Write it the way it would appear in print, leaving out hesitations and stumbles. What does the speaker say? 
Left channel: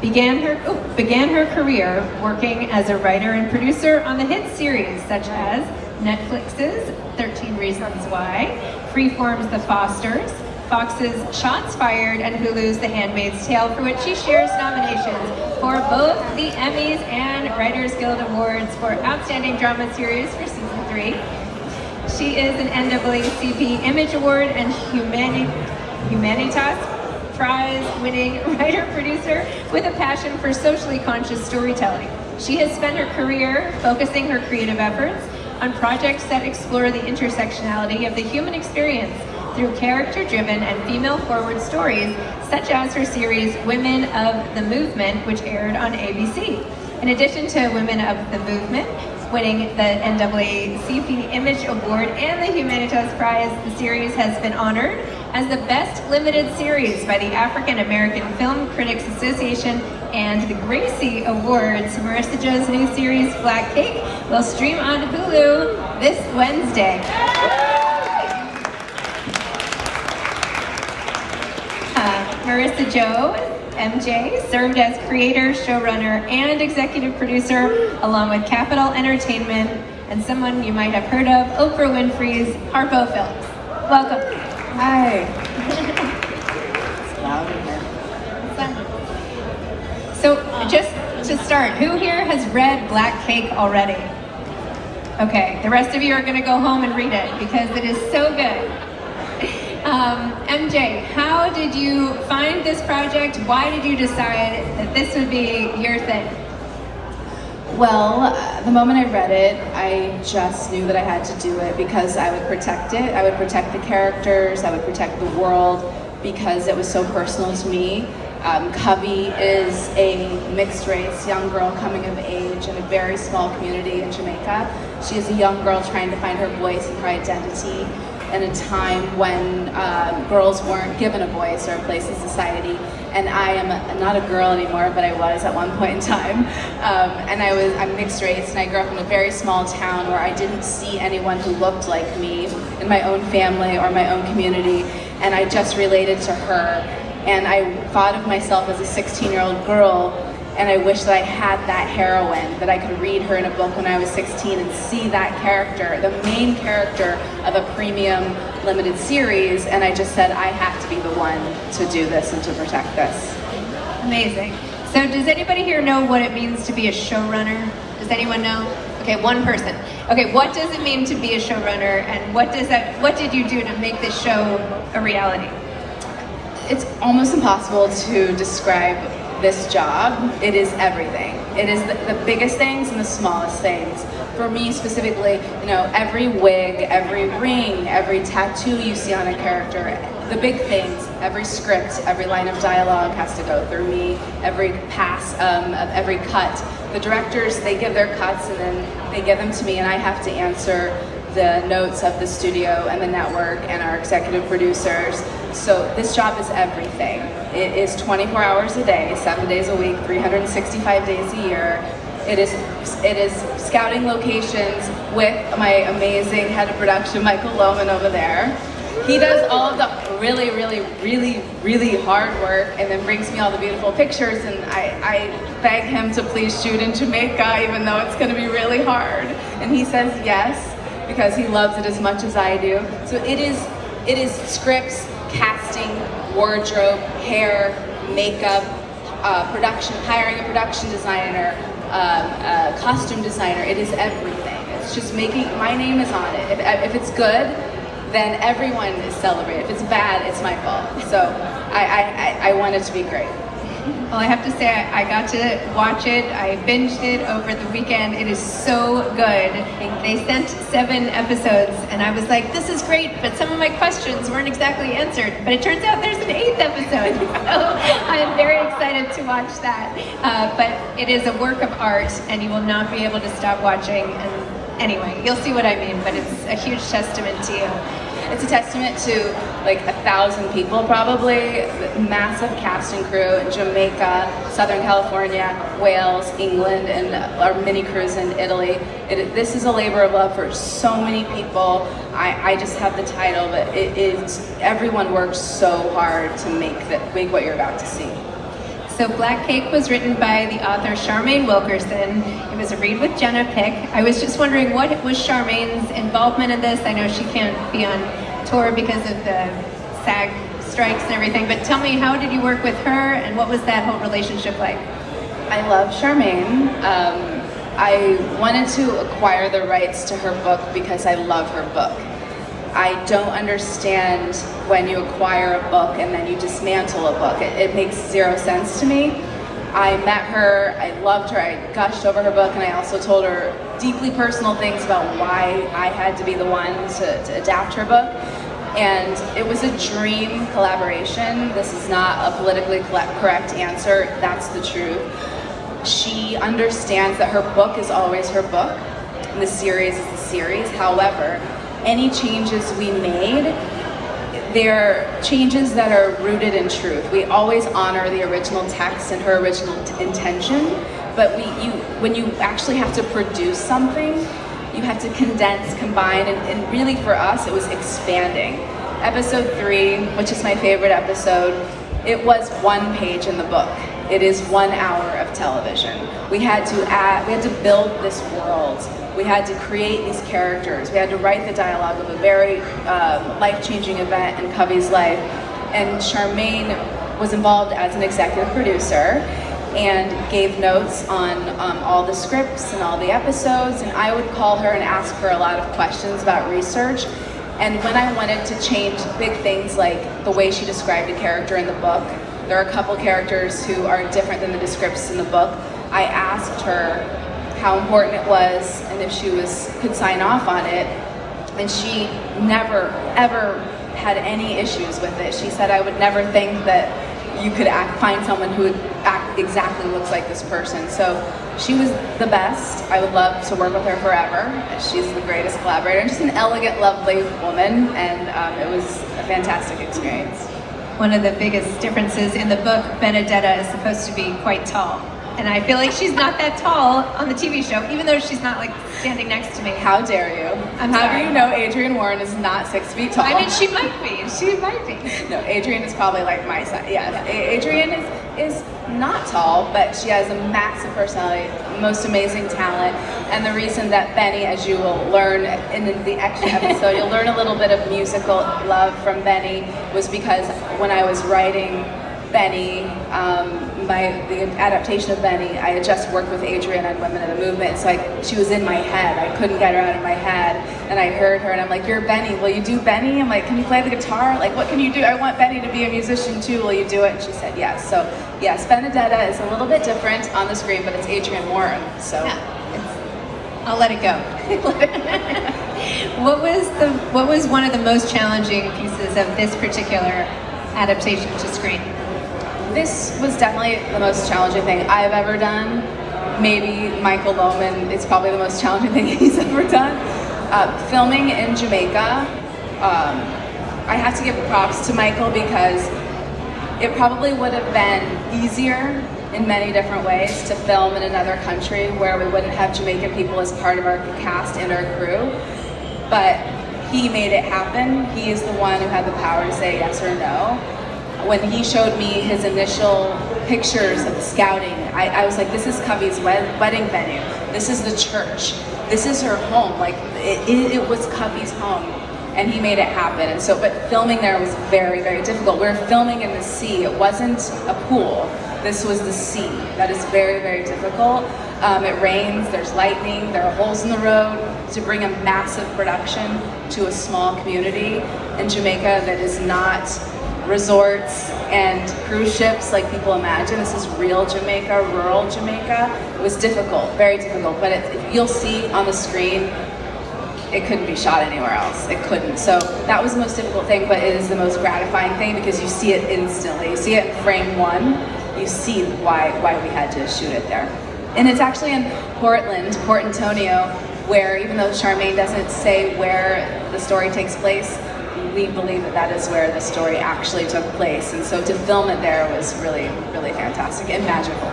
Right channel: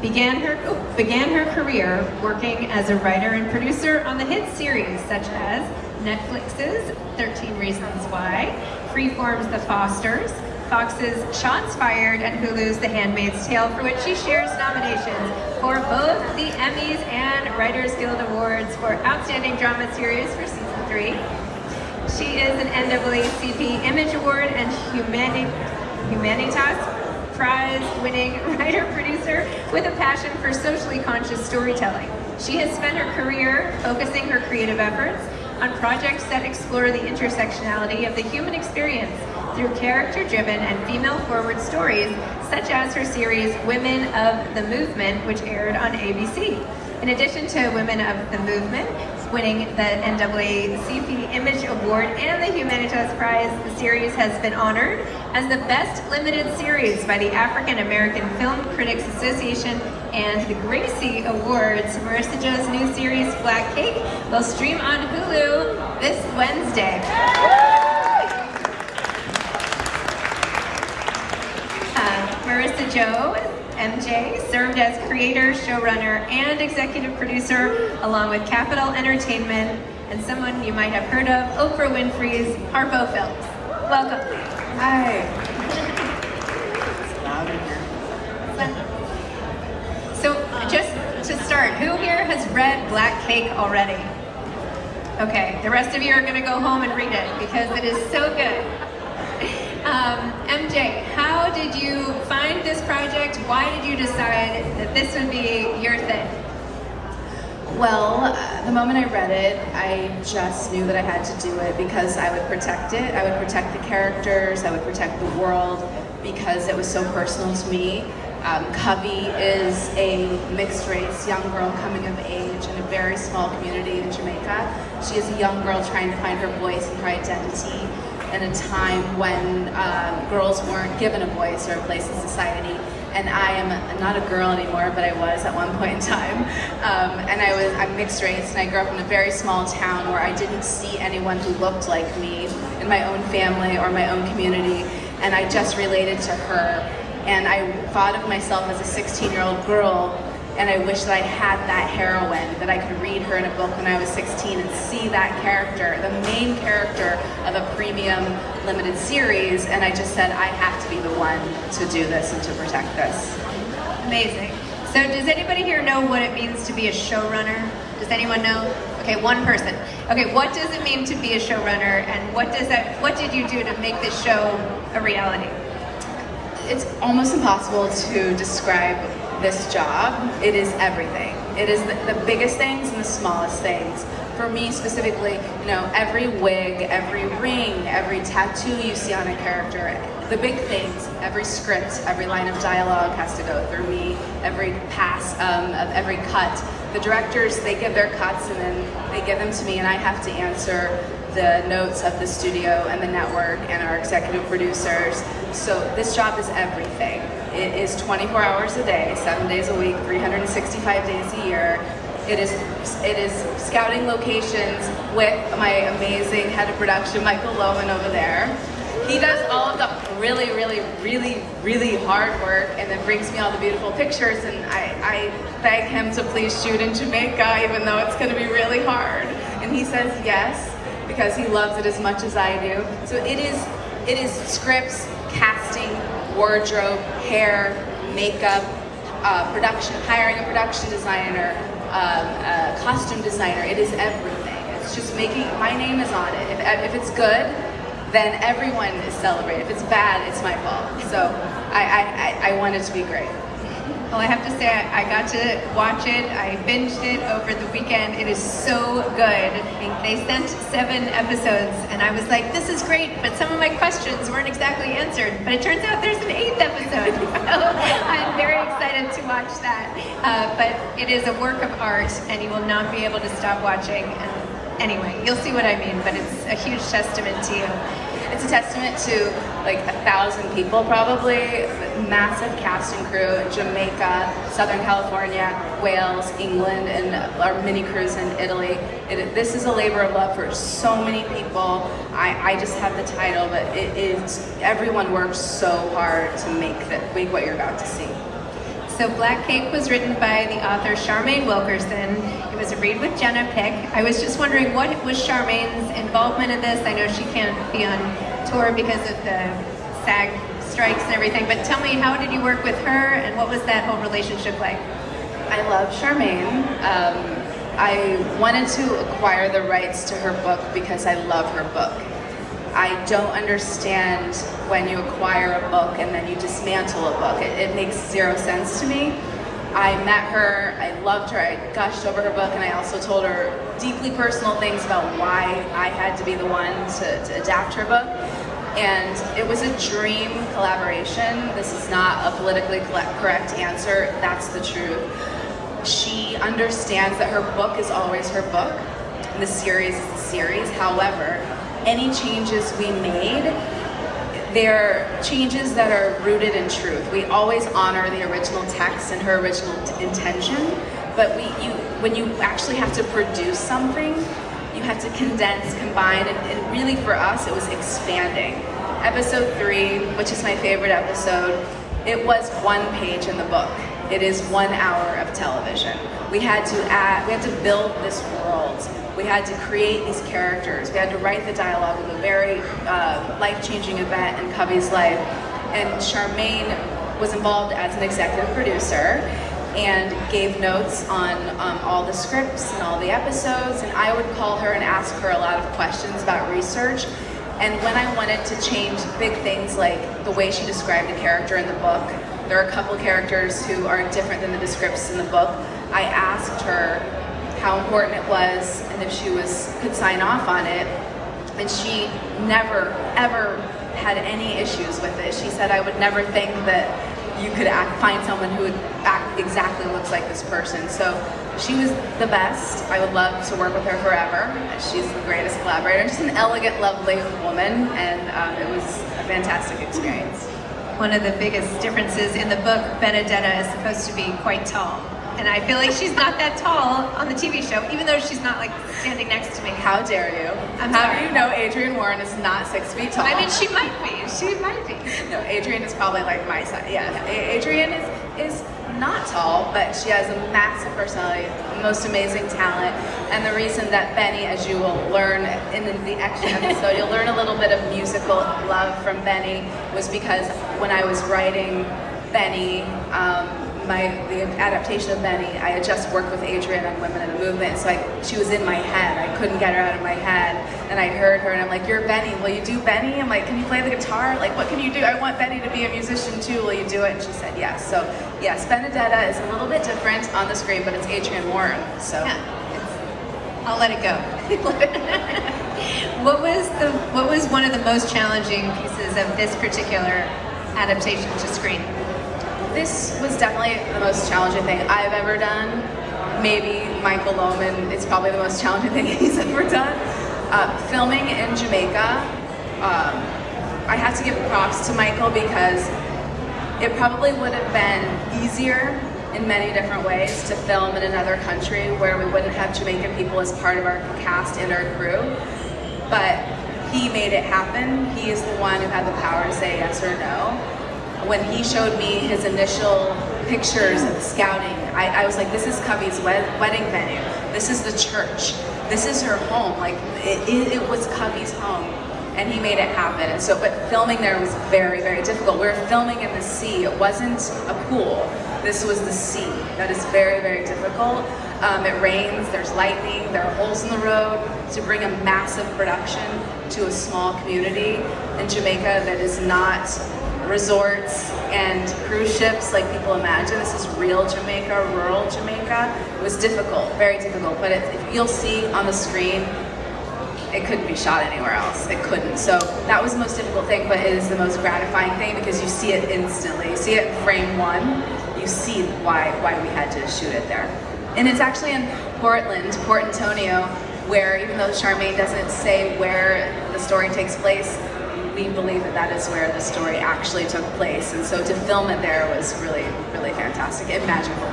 began her career working as a writer and producer on the hit series such as Netflix's 13 Reasons Why, Freeform's The Fosters, Fox's Shots Fired, and Hulu's The Handmaid's Tale, for which she shares nominations for both the Emmys and Writers Guild Awards for Outstanding Drama Series for Season 3. She is an NAACP Image Award and Humanitas Prize-winning writer-producer with a passion for socially conscious storytelling. She has spent her career focusing her creative efforts on projects that explore the intersectionality of the human experience through character-driven and female-forward stories, such as her series Women of the Movement, which aired on ABC. In addition to Women of the Movement, winning the NAACP Image Award and the Humanitas Prize, the series has been honored as the Best Limited Series by the African American Film Critics Association and the Gracie Awards. Marissa Jo's new series, Black Cake, will stream on Hulu this Wednesday. Marissa Jo, MJ, served as creator, showrunner, and executive producer, along with Capitol Entertainment and someone you might have heard of, Oprah Winfrey's Harpo Films. Welcome. Hi. So, just to start, who here has read Black Cake already? Okay, the rest of you are going to go home and read it because it is so good. MJ, how did you find this project? Why did you decide that this would be your thing? Well, the moment I read it, I just knew that I had to do it because I would protect it. I would protect the characters. I would protect the world because it was so personal to me. Covey is a mixed-race young girl coming of age in a very small community in Jamaica. She is a young girl trying to find her voice and her identity in a time when girls weren't given a voice or a place in society. And I am not a girl anymore, but I was at one point in time. And I'm mixed race, and I grew up in a very small town where I didn't see anyone who looked like me in my own family or my own community. And I just related to her. And I thought of myself as a 16-year-old girl, and I wish that I had that heroine, that I could read her in a book when I was 16 and see that character, the main character of a premium limited series, and I just said, I have to be the one to do this and to protect this. Amazing. So does anybody here know what it means to be a showrunner? Does anyone know? Okay, one person. Okay, what does it mean to be a showrunner, and what did you do to make this show a reality? It's almost impossible to describe this job. It is everything. It is the biggest things and the smallest things. For me specifically, every wig, every ring, every tattoo you see on a character, the big things, every script, every line of dialogue has to go through me, every pass of every cut. The directors, they give their cuts and then they give them to me, and I have to answer the notes of the studio and the network and our executive producers. So this job is everything. It is 24 hours a day, 7 days a week, 365 days a year. It is scouting locations with my amazing head of production, Michael Lohman, over there. He does all of the really, really, really, really hard work and then brings me all the beautiful pictures, and I beg him to please shoot in Jamaica even though it's going to be really hard. And he says yes because he loves it as much as I do. So it is scripts, casting, wardrobe, hair, makeup, production, hiring a production designer, costume designer. It is everything. It's just my name is on it. If it's good, then everyone is celebrated. If it's bad, it's my fault. So I want it to be great. Well, I have to say, I got to watch it. I binged it over the weekend. It is so good. They sent 7 episodes, and I was like, this is great, but some of my questions weren't exactly answered. But it turns out there's an 8th episode, so I'm very excited to watch that. But it is a work of art, and you will not be able to stop watching. And anyway, you'll see what I mean, but it's a huge testament to you. It's a testament to like 1,000 people probably, massive cast and crew in Jamaica, Southern California, Wales, England, and our mini cruise in Italy. This is a labor of love for so many people. I just have the title, but everyone works so hard to make what you're about to see. So Black Cake was written by the author Charmaine Wilkerson. It was a Read with Jenna pick. I was just wondering, what was Charmaine's involvement in this? I know she can't be on tour because of the SAG strikes and everything, but tell me, how did you work with her and what was that whole relationship like? I love Charmaine. I wanted to acquire the rights to her book because I love her book. I don't understand when you acquire a book and then you dismantle a book. It makes zero sense to me. I met her, I loved her, I gushed over her book, and I also told her deeply personal things about why I had to be the one to adapt her book. And it was a dream collaboration. This is not a politically correct answer, that's the truth. She understands that her book is always her book, and the series is the series. However, any changes we made, they're changes that are rooted in truth. We always honor the original text and her original intention, but when you actually have to produce something, you have to condense, combine, and really for us, it was expanding. Episode 3, which is my favorite episode, it was 1 page in the book. It is 1 hour of television. We had to build this world. We had to create these characters. We had to write the dialogue of a very life-changing event in Covey's life. And Charmaine was involved as an executive producer and gave notes on all the scripts and all the episodes. And I would call her and ask her a lot of questions about research. And when I wanted to change big things like the way she described a character in the book, there are a couple characters who are different than the descriptions in the book. I asked her how important it was and if she could sign off on it, and she never ever had any issues with it. She said, I would never think that you could find someone who would exactly looks like this person. So she was the best. I would love to work with her forever. She's the greatest collaborator. Just an elegant, lovely woman, and it was a fantastic experience. One of the biggest differences in the book, Benedetta is supposed to be quite tall. And I feel like she's not that tall on the TV show, even though she's not like standing next to me. How dare you? I'm How sorry. do you know Adrienne Warren is not 6 feet tall? I mean, she might be. She might be. No, Adrienne is probably like my size. Yeah, Adrienne is not tall, but she has a massive personality, most amazing talent. And the reason that Benny, as you will learn in the extra episode, you'll learn a little bit of musical love from Benny, was because when I was writing Benny, the adaptation of Benny, I had just worked with Adrienne on Women in the Movement, so she was in my head. I couldn't get her out of my head, and I heard her, and I'm like, you're Benny, will you do Benny? I'm like, can you play the guitar? Like, what can you do? I want Benny to be a musician too, will you do it? And she said yes. So yes, Benedetta is a little bit different on the screen, but it's Adrienne Warren, so. Yeah, I'll let it go. What was one of the most challenging pieces of this particular adaptation to screen? This was definitely the most challenging thing I've ever done. Maybe Michael Lohman is probably the most challenging thing he's ever done. Filming in Jamaica, I have to give props to Michael because it probably would have been easier in many different ways to film in another country where we wouldn't have Jamaican people as part of our cast and our crew. But he made it happen. He is the one who had the power to say yes or no. When he showed me his initial pictures of the scouting, I was like, this is Covey's wedding venue. This is the church. This is her home. Like, it was Covey's home. And he made it happen. And so, but filming there was very, very difficult. We were filming in the sea. It wasn't a pool. This was the sea. That is very, very difficult. It rains, there's lightning, there are holes in the road. To bring a massive production to a small community in Jamaica that is not resorts and cruise ships like people imagine. This is real Jamaica, rural Jamaica. It was difficult, very difficult, but you'll see on the screen, it couldn't be shot anywhere else. It couldn't. So that was the most difficult thing, but it is the most gratifying thing because you see it instantly. You see it in frame 1. You see why we had to shoot it there. And it's actually in Portland, Port Antonio, where even though Charmaine doesn't say where the story takes place, we believe that is where the story actually took place. And so to film it there was really, really fantastic and magical.